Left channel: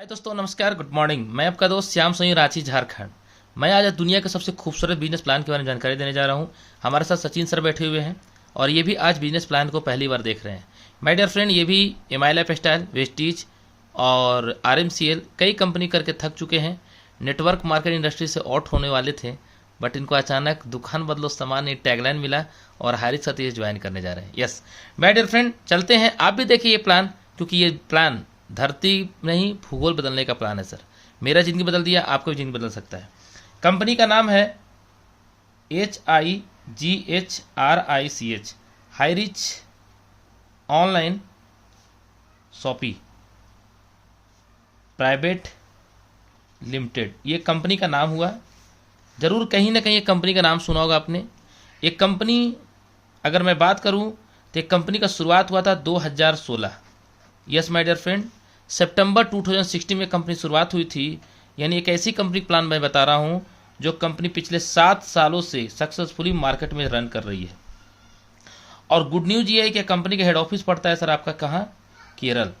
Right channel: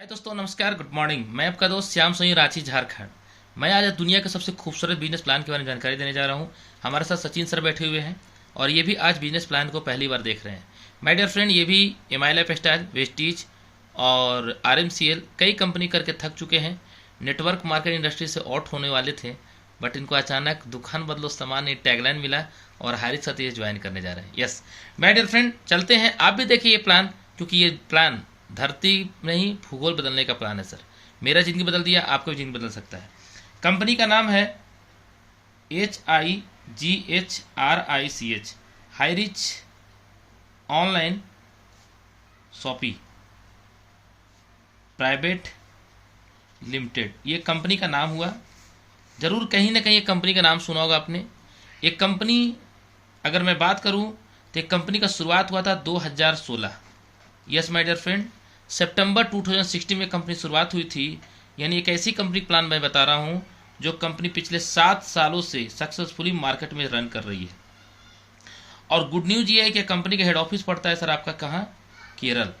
हाय दोस्तों, नमस्कार, good morning. मैं आपका दोस्त श्याम सोनी, रांची, झारखंड। मैं आज दुनिया के सबसे खूबसूरत बिजनेस प्लान के बारे में जानकारी देने जा रहा हूं। हमारे साथ सचिन सर बैठे हुए हैं और ये भी आज बिजनेस प्लान को पहली बार देख रहे हैं। माय डियर फ्रेंड, ये भी एमआई लाइफ स्टाइल, वेस्टीज और आरएमसीएल कई कंपनी करके थक चुके हैं। नेटवर्क मार्केट इंडस्ट्री से आउट होने वाले थे, बट इनको अचानक दुकान बदलो सामान ये टैगलाइन मिला और हारिस सतीश ज्वाइन करने जा रहे हैं। यस माय डियर फ्रेंड, चलते हैं। आप भी देखिए ये प्लान, क्योंकि ये प्लान धरती नहीं भूगोल बदलने का प्लान है सर। मेरा जिंदगी बदल दिया, आपको भी जिंदगी बदल सकता है। कंपनी का नाम है HIGHRICH, high rich online shoppy private limited, ये कंपनी का नाम हुआ। जरूर कहीं ना कहीं ये कंपनी का नाम सुना होगा आपने। एक कंपनी, अगर मैं बात करूं तो एक कंपनी का शुरुआत हुआ था 2016। यस माय डियर फ्रेंड, सितंबर 2016 में कंपनी शुरुआत हुई थी। यानी एक ऐसी कंपनी प्लान मैं बता रहा हूं जो कंपनी पिछले 7 सालों से सक्सेसफुली मार्केट में रन कर रही है। और गुड न्यूज ये है कि कंपनी का हेड ऑफिस पड़ता है सर आपका कहाँ? केरल।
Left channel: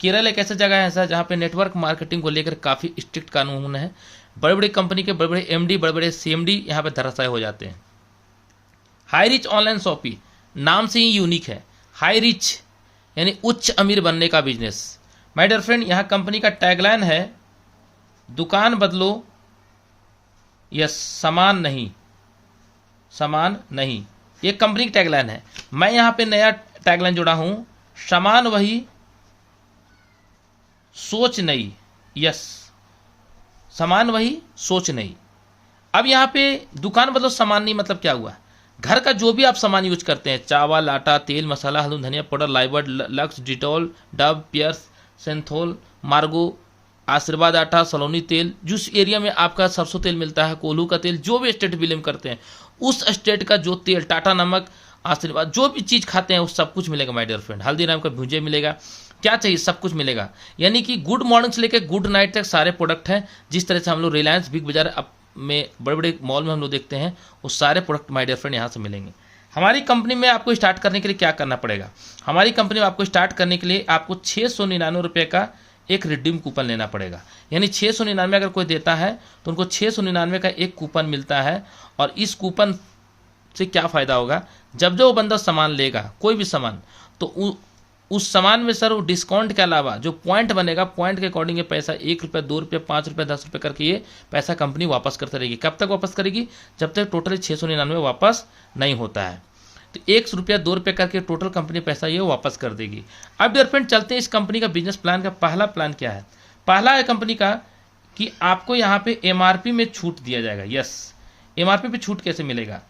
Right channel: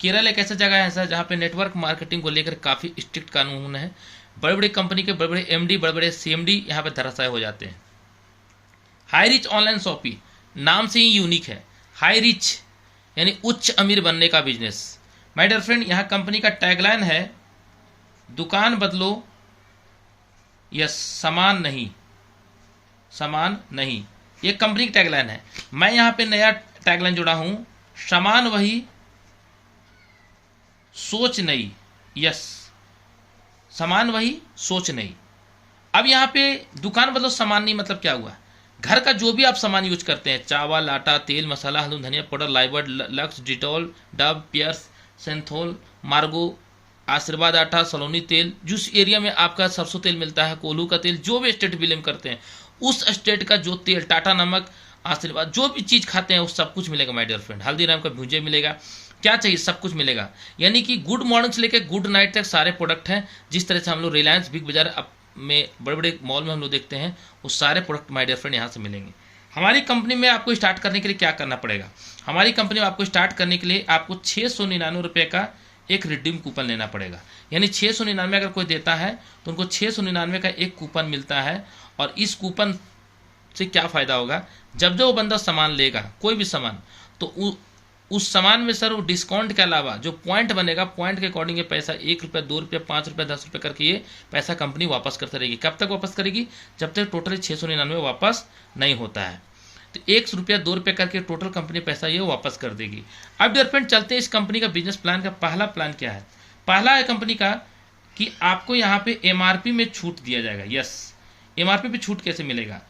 केरल एक ऐसा जगह है सर जहाँ पे नेटवर्क मार्केटिंग को लेकर काफ़ी स्ट्रिक्ट कानून है। बड़े बड़े कंपनी के बड़े बड़े एमडी, बड़े बड़े सीएमडी यहाँ पे धराशायी हो जाते हैं। हाई रिच ऑनलाइन शॉपी, नाम से ही यूनिक है। हाई रिच यानी उच्च अमीर बनने का बिजनेस। माय डियर फ्रेंड, यहाँ कंपनी का टैगलाइन है दुकान बदलो, यस सामान नहीं, सामान नहीं। ये कंपनी की टैगलाइन है। मैं यहाँ पे नया टैगलाइन जोड़ा हूं, सामान वही सोच नहीं। यस, सामान वही सोच नहीं। अब यहाँ पे दुकान बदलो सामान नहीं, मतलब क्या हुआ? घर का जो भी आप सामान यूज करते हैं, चावल, आटा, तेल, मसाला, हल्दी, धनिया powder, Lifebuoy, Lux, Dettol, Dove, Pears, Cinthol, Margo, Aashirvaad आटा, सलोनी तेल, जिस एरिया में आपका सरसों तेल मिलता है, कोल्हू का तेल, जो भी स्टेट बिलीव करते हैं उस स्टेट का जो तेल, टाटा नमक, आशीर्वाद, जो भी चीज़ खाते हैं वो सब कुछ मिलेगा माय डियर फ्रेंड। हल्दीराम का भुंजे मिलेगा, क्या चाहिए सब कुछ मिलेगा। यानी कि गुड मॉर्निंग से लेकर गुड नाइट तक सारे प्रोडक्ट हैं। जिस तरह से हम लोग रिलायंस बिग बाजार में बड़े बड़े मॉल में हम लोग देखते हैं, वो सारे प्रोडक्ट माय डियर फ्रेंड यहाँ से मिलेंगे। हमारी कंपनी में आपको स्टार्ट करने के लिए क्या करना पड़ेगा? हमारी कंपनी में आपको स्टार्ट करने के लिए आपको 699 रुपये का एक रिडीम कूपन लेना पड़ेगा। यानी 699 अगर कोई देता है तो उनको 699 का एक कूपन मिलता है। और इस कूपन से क्या फ़ायदा होगा? जब जो वो बंदा सामान लेगा, कोई भी सामान, तो उस सामान में सर वो डिस्काउंट के अलावा जो पॉइंट बनेगा, पॉइंट के अकॉर्डिंग ये पैसा 1 रुपये, 2 रुपये, 5 रुपये, 10 रुपये करके ये पैसा कंपनी वापस करती रहेगी। कब तक वापस करेगी? जब तक टोटली 699 वापस नहीं होता है। तो 1 रुपया, 2 रुपये करके टोटल कंपनी पैसा ये वापस कर देगी। अब डियर फ्रेंड, चलते हैं इस कंपनी का बिजनेस प्लान का। पहला प्लान क्या है? पहला है कंपनी का कि आपको यहाँ पे एमआरपी में छूट दिया जाएगा। यस, एमआरपी पे छूट कैसे मिलेगा?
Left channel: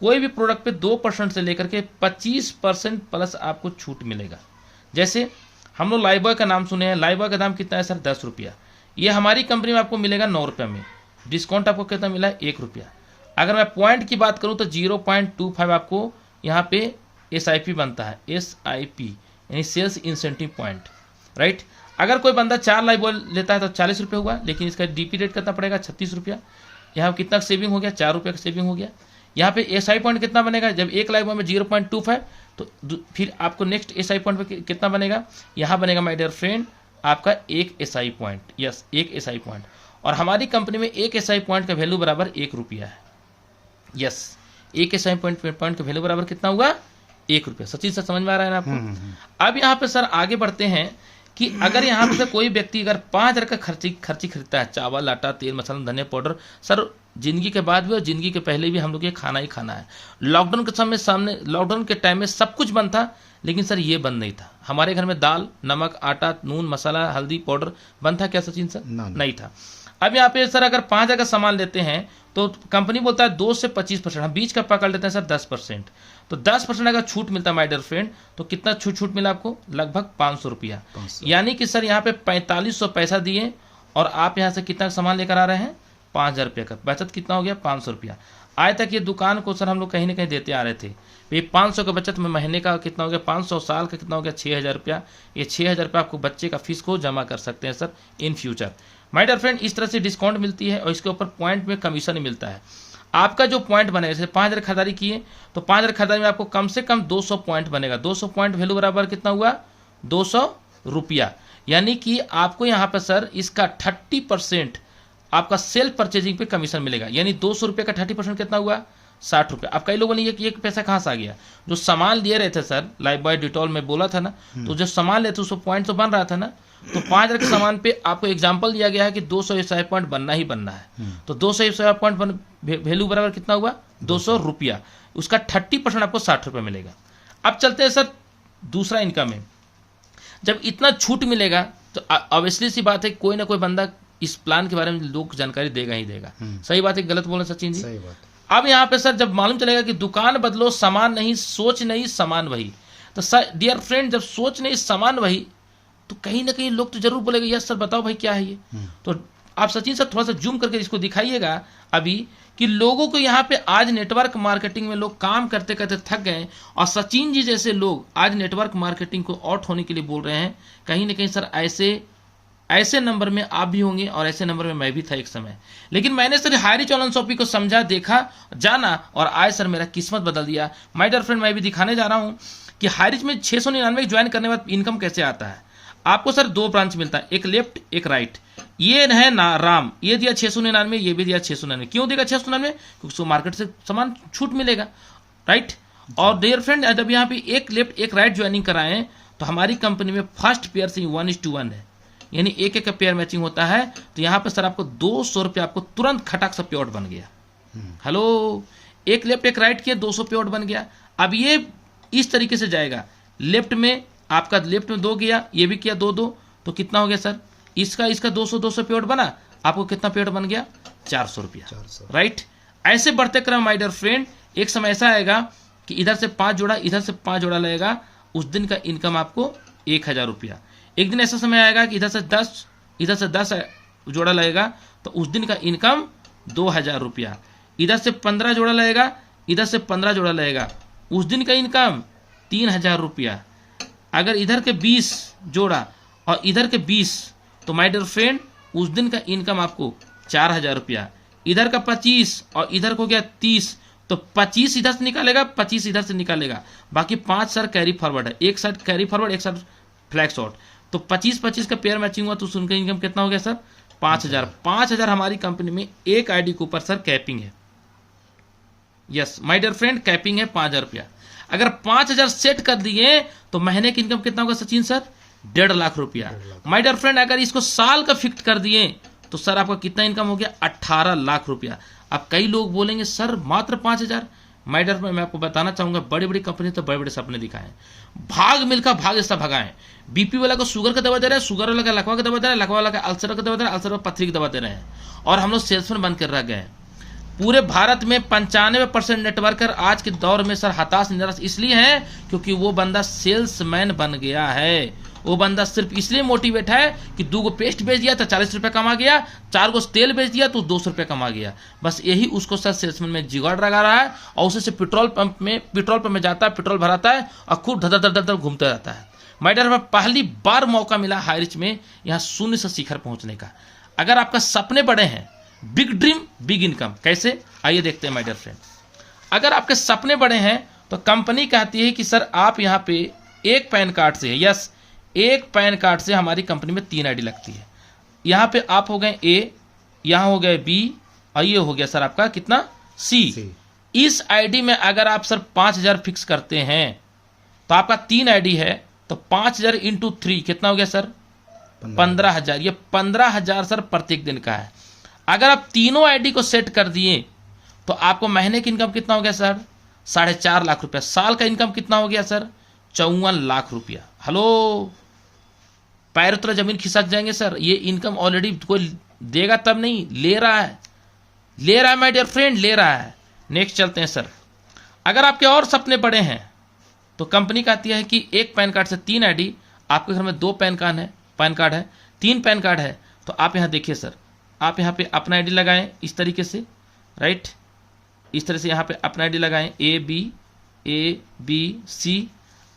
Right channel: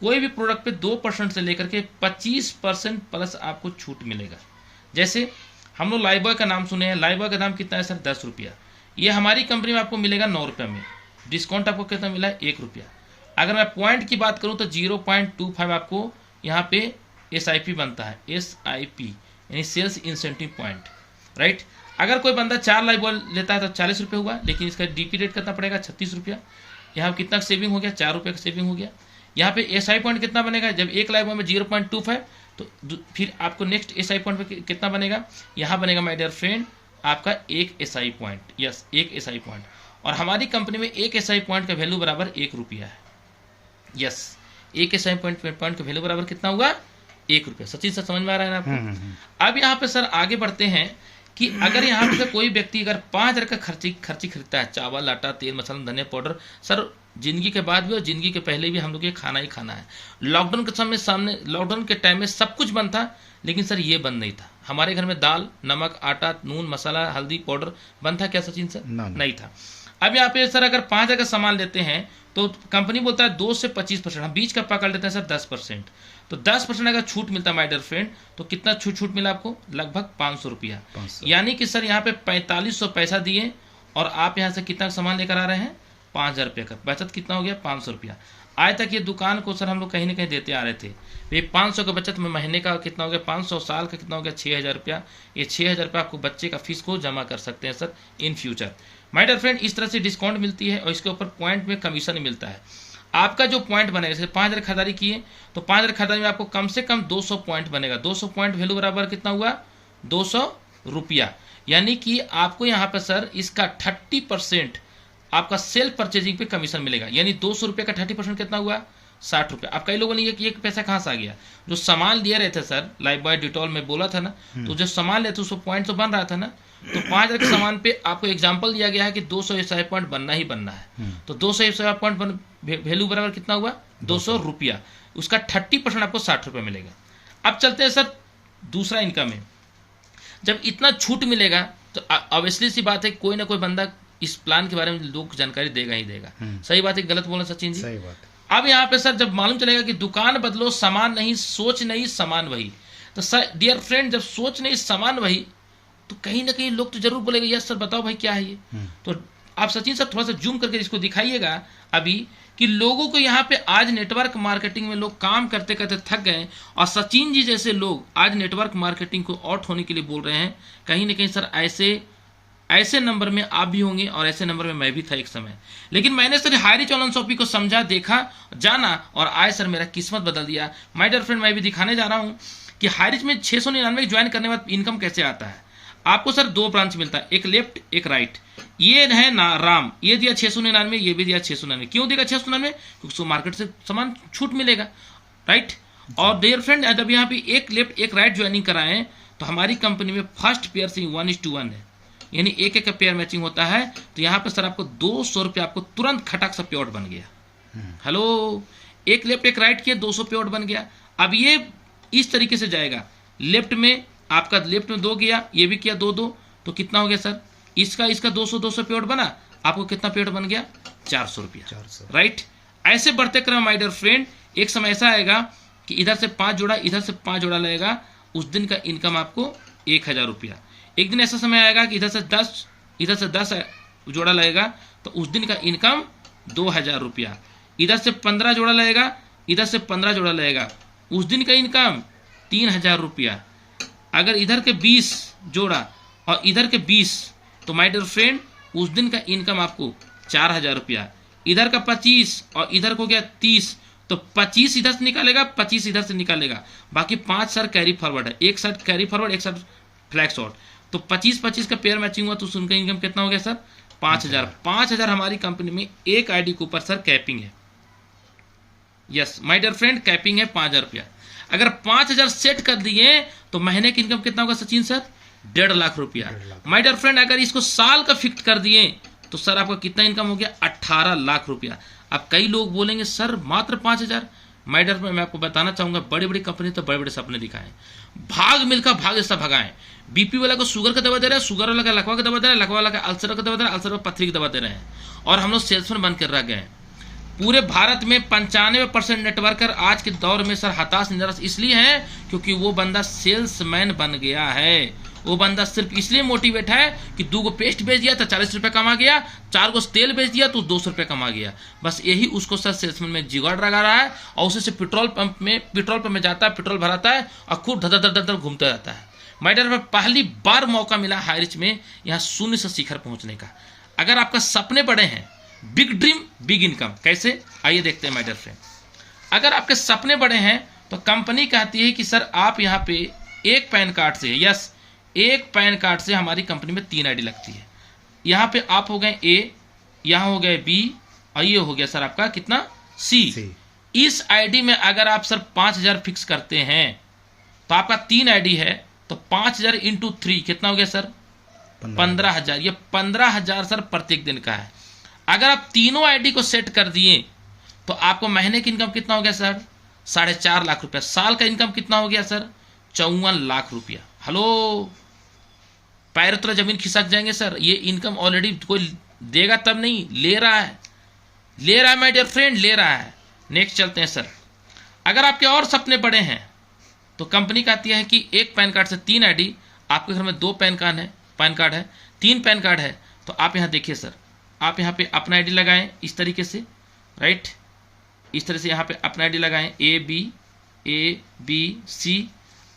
कोई भी प्रोडक्ट पे 2% से लेकर के 25% प्लस आपको छूट मिलेगा। जैसे हम लोग लाइबॉय का नाम सुने हैं। लाइबॉय का दाम कितना है सर? 10 रुपया। ये हमारी कंपनी में आपको मिलेगा 9 रुपये में। डिस्काउंट आपको कितना मिला है? 1 रुपया। अगर मैं पॉइंट की बात करूँ तो 0.25 आपको यहाँ पे SIP बनता है। SIP यानी सेल्स इंसेंटिव पॉइंट, राइट। अगर कोई बंदा 4 लाइबॉय लेता है तो 40 रुपये हुआ, लेकिन इसका DP रेट कितना पड़ेगा? 36 रुपया। यहाँ कितना सेविंग हो गया? 4 रुपये का सेविंग हो गया। यहाँ पे SI पॉइंट कितना बनेगा? जब एक लाइबॉय में 0.25 तो फिर आपको नेक्स्ट SI पॉइंट पे कितना बनेगा? यहाँ बनेगा माय डियर फ्रेंड आपका एक SI पॉइंट। यस, एक SI पॉइंट। और हमारी कंपनी में एक SI पॉइंट का वैल्यू बराबर 1 रुपया है। यस, एक SI पॉइंट का वैल्यू बराबर कितना हुआ? 1 रुपया। सचिन सर, समझ में आ रहा है ना आपको? अब यहाँ पे सर आगे बढ़ते हैं कि अगर यहाँ पे कोई व्यक्ति अगर 5,000 का खर्ची खरीदता है, चावल, आटा, तेल, मसाला, धनिया पाउडर, सर जिंदगी के बाद भी और जिंदगी के पहले भी हम लोग ये खाना ही खाना है। लॉकडाउन के समय सामने, लॉकडाउन के टाइम में सब कुछ बंद था, लेकिन सर ये बंद नहीं था। हमारे घर में दाल, नमक, आटा, नून, मसाला, हल्दी पाउडर बंद था क्या सचिन सर? नहीं था। अब यहाँ पे सर अगर 5,000 का सामान लेते हैं तो कंपनी बोलता है 2 से 25%, हम बीच का पकड़ लेते हैं सर 10%। तो 10% अगर छूट मिलता है माय डियर फ्रेंड, तो कितना छूट मिला आपको? लगभग 500 रुपया। यानी कि सर यहाँ पे 4500 पैसा दिए और आप यहाँ से कितना सामान लेकर आ रहे हैं? 5,000 रुपये का। बचत कितना हो गया? 500 रुपया। आज तक ये दुकान को सर हम लोग कहीं ना कहीं देते आ रहे थे। ये 500 का बचत में महीने का कितना हो गया? 500 साल का कितना हो गया? 6,000 रुपया। ये 6,000 रुपया आपको बच्चे का फीस को जमा कर सकते हैं sir in future. My dear friend, इस तरह से डिस्काउंट मिलती है और इसके ऊपर पॉइंट में कमीशन मिलता है। आपका जो पॉइंट बनेगा, जैसे 5,000 खरीदारी किए तो 5,000 खरीदारी में आपको कम से कम 200 पॉइंट बनेगा। 200 पॉइंट वैल्यू बराबर कितना हुआ? 200 रुपया। यानी कि आपको यहाँ पर सर इसका 30% आपका सेल्फ परचेजिंग पे कमीशन मिलेगा। यानी 200 रुपये का 30% कितना हुआ, 60 रुपये। अब कई लोगों ने ये पैसा कहाँ से आ गया, जो सामान लिए रहे थे सर, लाइफ बॉय डिटॉल में बोला था ना, तो जो सामान लेते उसको पॉइंट तो बन रहा था ना, तो 5,000 के सामान पे आपको एग्जाम्पल दिया गया है कि 200 पॉइंट बनना ही बनना है। तो 200 पॉइंट वैल्यू बराबर कितना हुआ, 200 रुपया। उसका 30% आपको 60 रुपये मिलेगा। अब चलते हैं सर दूसरा इनकम है। जब इतना छूट मिलेगा तो ऑब्वियसली सी बात है कोई ना कोई बंदा इस प्लान के बारे में लोग जानकारी देगा ही देगा। सही बात है, गलत बोला सचिन जी? सही बात। अब यहाँ पे सर जब मालूम चलेगा कि दुकान बदलो सामान नहीं, सोच नहीं सामान वही, तो सर डियर फ्रेंड जब सोच नहीं सामान वही, तो कहीं ना कहीं लोग तो जरूर बोलेंगे यस सर बताओ भाई क्या है ये। तो आप सचिन सर थोड़ा सा जूम करके इसको दिखाइएगा अभी कि लोगों को यहाँ पे आज नेटवर्क मार्केटिंग में लोग काम करते करते थक गए, और सचिन जी जैसे लोग आज नेटवर्क मार्केटिंग को आउट होने के लिए बोल रहे हैं। कहीं ना कहीं सर ऐसे नंबर में आप भी होंगे और ऐसे नंबर में मैं भी था एक समय। लेकिन मैंने सर हाईरिच ऑनलाइन शॉपिंग को समझा, देखा, जाना और आज सर मेरा किस्मत बदल दिया। माय डियर फ्रेंड मैं भी दिखाने जा रहा हूँ कि हाईरिच में 699 ज्वाइन करने के बाद इनकम कैसे आता है। आपको सर 2 ब्रांच मिलता है, एक लेफ्ट एक राइट। ये है ना राम, ये दिया 699, ये भी दिया 699। क्यों देगा 699? क्योंकि मार्केट से सामान छूट मिलेगा, राइट। और डियर फ्रेंड जब यहाँ पे एक लेफ्ट एक राइट ज्वाइनिंग कराएं तो हमारी कंपनी में फर्स्ट पेयर से 1:1 है, यानी एक का पेयर मैचिंग होता है। तो यहाँ पे सर आपको 200 रुपये आपको तुरंत खटक सा पेआउट बन गया। हेलो, एक लेफ्ट एक राइट किया 200 पेआउट बन गया। अब ये इस तरीके से जाएगा, लेफ्ट में आपका लेफ्ट में 2 गया, ये भी किया 2, तो कितना हो गया सर, इसका 200 पेआउट बना, आपको कितना पेआउट बन गया, 400 रुपया, राइट। ऐसे बढ़ते क्रम माय डियर फ्रेंड एक समय ऐसा आएगा कि इधर से 5 जोड़ा इधर से 5 जोड़ा लगेगा, उस दिन का इनकम आपको 1000 रुपया। एक दिन ऐसा समय आएगा कि इधर से 10 जोड़ा लगेगा, तो उस दिन का इनकम 2000 रुपया। इधर से 15 जोड़ा लगेगा, इधर से 15 जोड़ा लगेगा, उस दिन का इनकम 3000 रुपया। अगर इधर के 20 जोड़ा और इधर के 20, तो माय डियर फ्रेंड उस दिन का इनकम आपको 4000 रुपया। इधर का 25 और इधर को गया 30, तो 25 इधर से निकालेगा, 25 इधर से निकालेगा, बाकी 5 सर कैरी फॉरवर्ड है, एक साइड कैरी फॉरवर्ड एक साइड फ्लैग शॉट, तो 25-25 का पेयर मैचिंग हुआ, तो उनका इनकम कितना हो गया सर, 5000 हमारी कंपनी में एक आईडी के ऊपर सर कैपिंग है। Yes my dear friend capping है 5000 रुपया। अगर 5000 सेट कर दिए तो महीने की इनकम कितना होगा सचिन सर, 1.5 लाख रुपया। माय डियर फ्रेंड अगर इसको साल का फिक्स कर दिए तो सर आपका कितना इनकम हो गया, 18 लाख रुपया। अब कई लोग बोलेंगे सर मात्र 5000। माय डियर फ्रेंड मैं आपको बताना चाहूंगा, बड़ी बड़ी कंपनी तो बड़े बड़े सपने दिखाएं, भाग मिलकर भाग ऐसा भगाएं। बीपी वाला को शुगर का दवा दे रहे हैं, शुगर वाला का लकवा का दवा दे रहे हैं, लकवा वाला का अल्सर का दवा दे रहे हैं, अल्सर का पथरी की दवा दे रहे हैं, और हम लोग सेल्समैन बनकर रह गए। पूरे भारत में 95% नेटवर्कर आज के दौर में सर हताश निराश इसलिए है क्योंकि वो बंदा सेल्समैन बन गया है। वो बंदा सिर्फ इसलिए मोटिवेट है कि 2 गो पेस्ट बेच दिया तो 40 रुपये कमा गया, 4 गो तेल बेच दिया तो 200 रुपये कमा गया। बस यही उसको सर सेल्समैन में जिगाड़ लगा रहा है, और उसी से पेट्रोल पंप में जाता है, पेट्रोल भराता है और खूब धर धर धर घूमता रहता है। मैडर में पहली बार मौका मिला हाईरिच में यहाँ शून्य से शिखर पहुंचने का। अगर आपका सपने बड़े हैं, बिग ड्रीम बिग इनकम, कैसे आइए देखते हैं माय डियर फ्रेंड। अगर आपके सपने बड़े हैं तो कंपनी कहती है कि सर आप यहाँ पे एक पैन कार्ड से, यस एक पैन कार्ड से हमारी कंपनी में 3 आईडी लगती है। यहाँ पे आप हो गए ए, यहाँ हो गए बी, और ये हो गया सर आपका कितना सी। इस आईडी में अगर आप सर 5000 फिक्स करते हैं तो आपका 3 आईडी है, तो 5000 इंटू 3 कितना हो गया सर, 15000। ये 15000 सर प्रत्येक दिन का है। अगर आप तीनों आईडी को सेट कर दिए तो आपको महीने की इनकम कितना हो गया सर, 4.5 लाख रुपया। साल का इनकम कितना हो गया सर, 54 लाख रुपया। हेलो, पैर तो जमीन खिसक जाएंगे सर। ये इनकम ऑलरेडी कोई देगा तब नहीं, ले रहा है माय डियर फ्रेंड, ले रहा है। नेक्स्ट चलते हैं सर। अगर आपके और सपने बड़े हैं तो कंपनी कहती है कि एक पैन कार्ड से 3 आईडी, आपके घर में 2 पैन कार्ड है, 3 पैन कार्ड है, तो आप यहाँ देखिए सर, आप यहाँ पे अपना आईडी लगाएं इस तरीके से, राइट, इस तरह से यहाँ पे अपना आईडी लगाएं, ए बी सी।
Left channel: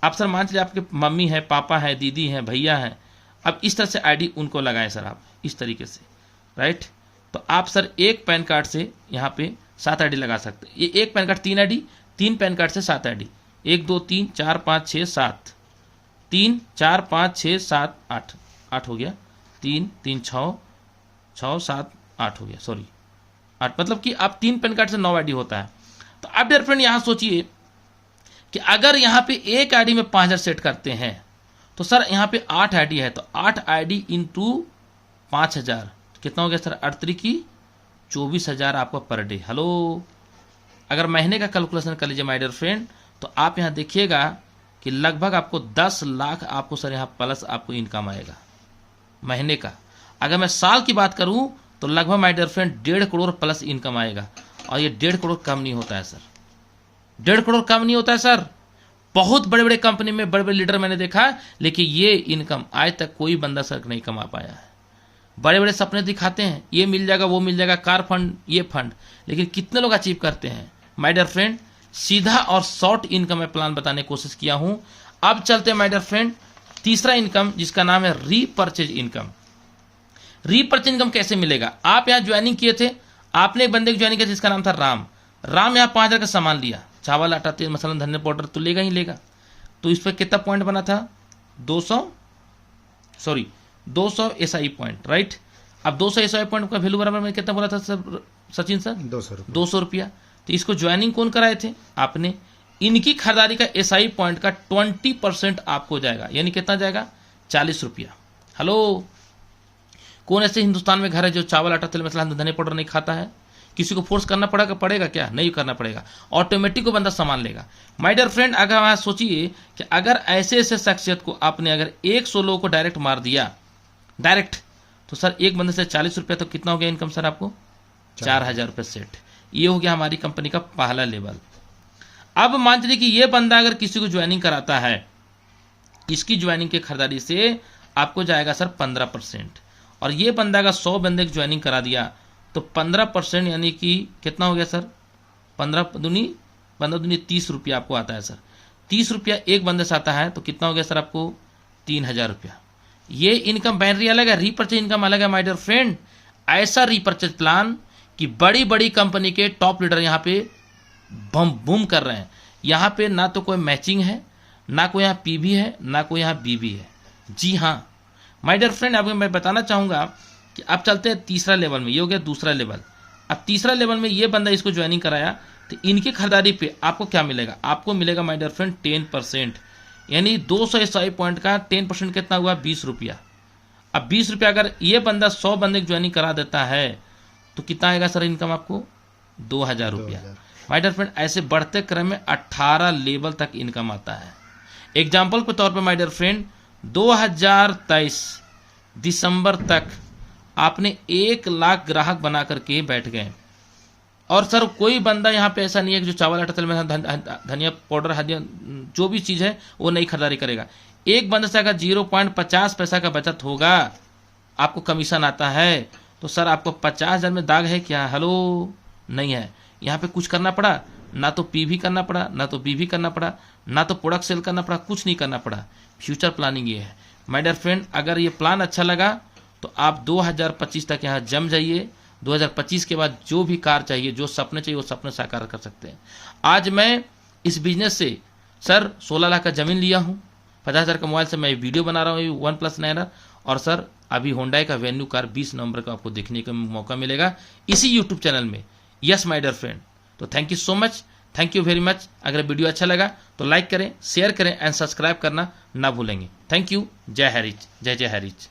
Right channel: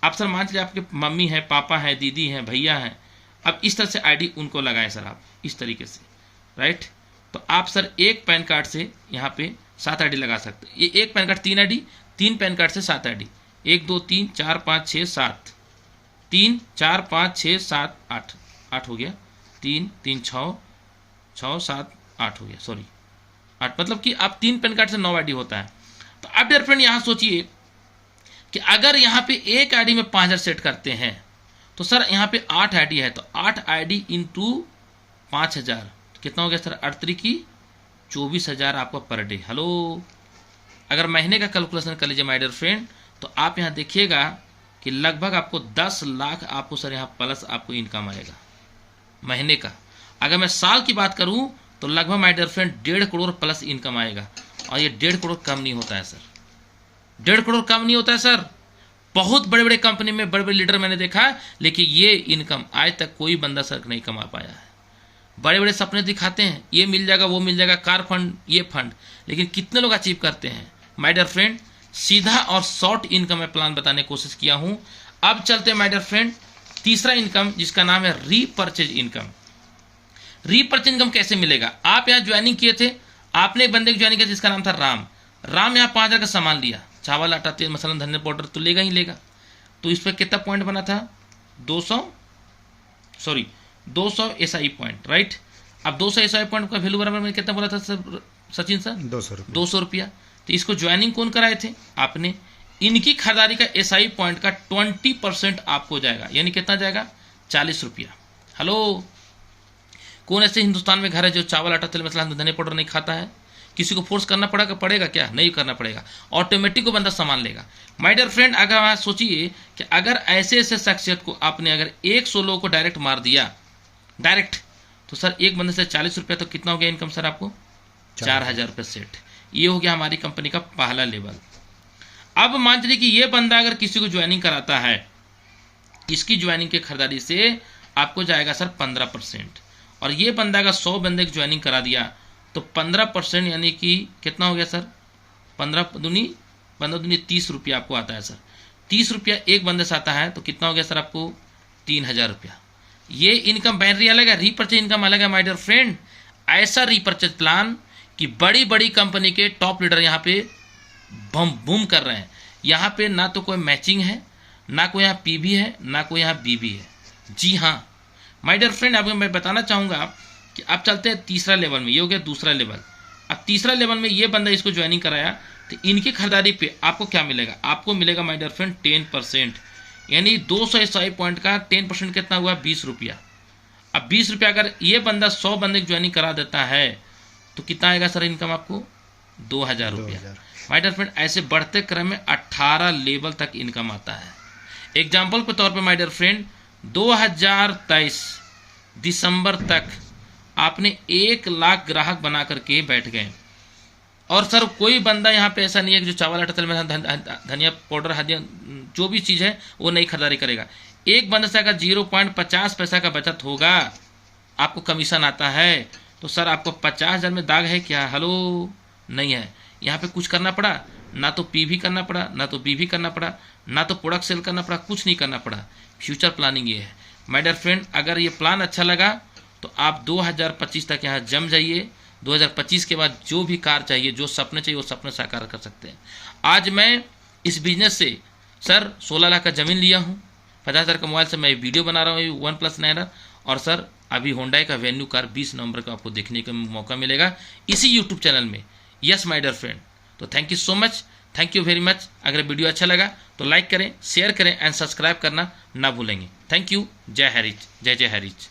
आप सर मान लीजिए आपके मम्मी है, पापा है, दीदी है, भैया है, अब इस तरह से आईडी उनको लगाएं सर आप इस तरीके से, राइट। तो आप सर एक पैन कार्ड से यहाँ पे 7 आईडी लगा सकते हैं। ये एक pan card 3 ID, 3 pan card से 7 आईडी, 1 2 3 4 5 6 7, 3 4 5 6 7 8, 8 हो गया, 3 3 6 6 7 8 हो गया, सॉरी 8, मतलब कि आप 3 पैन कार्ड से 9 आईडी होता है। तो अब डियर फ्रेंड यहाँ सोचिए कि अगर यहाँ पे एक आईडी में 5000 सेट करते हैं तो सर यहाँ पे 8 आईडी है, तो 8 आईडी इंटू 5000 कितना हो गया सर, 8 की 24,000 आपका पर डे। हेलो, अगर महीने का कैलकुलेशन कर लीजिए माय डियर फ्रेंड, तो आप यहाँ देखिएगा कि लगभग आपको 10 लाख आपको सर यहाँ प्लस आपको इनकम आएगा महीने का। अगर मैं साल की बात करूं तो लगभग my dear friend 1.5 crore plus income आएगा, और ये 1.5 करोड़ कम नहीं होता है सर, 1.5 करोड़ कम नहीं होता है सर। बहुत बड़े बड़े कंपनी में बड़े बड़े लीडर मैंने देखा, लेकिन ये इनकम आज तक कोई बंदा सर नहीं कमा पाया है। बड़े बड़े सपने दिखाते हैं, ये मिल जाएगा वो मिल जाएगा, कार फंड ये फंड, लेकिन कितने लोग अचीव करते हैं माय डियर फ्रेंड। सीधा और शॉर्ट इनकम में प्लान बताने की कोशिश किया हूं। अब चलते हैं माय डियर फ्रेंड तीसरा इनकम, जिसका नाम है रीपर्चेज इनकम। रीपर्चेज इनकम कैसे मिलेगा? आप यहाँ ज्वाइनिंग किए थे, आपने एक बंदे की ज्वाइनिंग किया जिसका नाम था राम। राम यहाँ 5000 का सामान लिया, चावल आटा तेल मसाला धनिया पाउडर तो लेगा ही लेगा। तो इस पर कितना पॉइंट बना था, 200 एसआई पॉइंट, राइट। अब 200 एसआई पॉइंट का वैल्यू बराबर में कितना बोला था सचिन सर, 200 रुपया। तो इसको ज्वाइनिंग कौन कराए थे, आपने। इनकी खरीदारी का एसआई पॉइंट का 20% आपको जाएगा, यानी कितना जाएगा, 40 रुपया। हेलो, कौन ऐसे हिंदुस्तान में घर है जो चावल आटा तेल मसाला धनिया पाउडर नहीं खाता है? किसी को फोर्स करना पड़ेगा क्या? नहीं करना पड़ेगा, ऑटोमेटिक को बंदा सामान लेगा। माय डियर फ्रेंड, अगर आप सोचिए कि अगर ऐसे ऐसे शख्सियत को आपने अगर 100 लोगों को डायरेक्ट मार दिया, डायरेक्ट, तो सर एक बंदे से 40 रुपया, तो कितना हो गया इनकम सर आपको, 4000 रुपये सेट। ये हो गया हमारी कंपनी का पहला लेवल। अब मान चलिए कि ये बंदा अगर किसी को ज्वाइनिंग कराता है, इसकी ज्वाइनिंग की खरीदारी से आपको जाएगा सर 15%, और ये बंदा अगर 100 बंदे की ज्वाइनिंग करा दिया तो 15% यानी कि कितना हो गया सर, 15 दूनी 30 रुपया आपको आता है सर। 30 रुपया एक बंदे से आता है तो कितना हो गया सर आपको, 3000 रुपया। ये इनकम बैनरी अलग है, रीपर्चेज इनकम अलग है माय डियर फ्रेंड। ऐसा रीपर्चेज प्लान कि बड़ी बड़ी कंपनी के टॉप लीडर यहाँ पे बम बूम कर रहे हैं। यहाँ पे ना तो कोई मैचिंग है, ना कोई यहाँ पीवी है, ना कोई यहाँ बीबी है। जी हाँ माय डियर फ्रेंड, अब मैं बताना चाहूँगा कि अब चलते हैं तीसरा लेवल में। ये हो गया दूसरा लेवल। अब तीसरा लेवल में ये बंदा इसको ज्वाइनिंग कराया, तो इनकी खरीदारी पे आपको क्या मिलेगा, आपको मिलेगा माय डियर फ्रेंड 10%, यानी 200 एसआई पॉइंट का 10% कितना हुआ, 20 रुपया। अब 20 रुपया अगर ये बंदा 100 बंदे की ज्वाइनिंग करा देता है तो कितना आएगा सर इनकम आपको, 2000 रुपया। माय डियर फ्रेंड, ऐसे बढ़ते क्रम में 18 लेवल तक इनकम आता है। एग्जाम्पल के तौर पर माय डियर फ्रेंड, 2023 दिसंबर तक आपने 1 लाख ग्राहक बना करके बैठ गए, और सर कोई बंदा यहाँ पे ऐसा नहीं है कि जो चावल आटा तेल में धनिया पाउडर हल्दी जो भी चीज़ है वो नहीं खरीदारी करेगा। एक बंदे से अगर 0.50 पैसा का बचत होगा, आपको कमीशन आता है, तो सर आपको 50,000 में दाग है क्या? हेलो, नहीं है। यहाँ पे कुछ करना पड़ा, ना तो पीवी करना पड़ा, ना तो बीवी करना पड़ा, ना तो प्रोडक्ट सेल करना पड़ा, कुछ नहीं करना पड़ा। फ्यूचर प्लानिंग ये है माय डियर फ्रेंड। अगर ये प्लान अच्छा लगा तो आप 2025 तक यहाँ जम जाइए। 2025 के बाद जो भी कार चाहिए, जो सपने चाहिए, वो सपने साकार कर सकते हैं। आज मैं इस बिजनेस से सर 16 लाख का ज़मीन लिया हूँ, 50,000 का मोबाइल से मैं वीडियो बना रहा हूँ OnePlus 9, और सर अभी होंडा का वेन्यू कार 20 नवंबर को आपको देखने का मौका मिलेगा इसी यूट्यूब चैनल में। यस माय डियर फ्रेंड, तो thank you so much, thank you very much. अगर वीडियो अच्छा लगा तो लाइक करें, शेयर करें एंड सब्सक्राइब करना ना भूलेंगे। Thank you. जय हरीच, जय जय हरीच।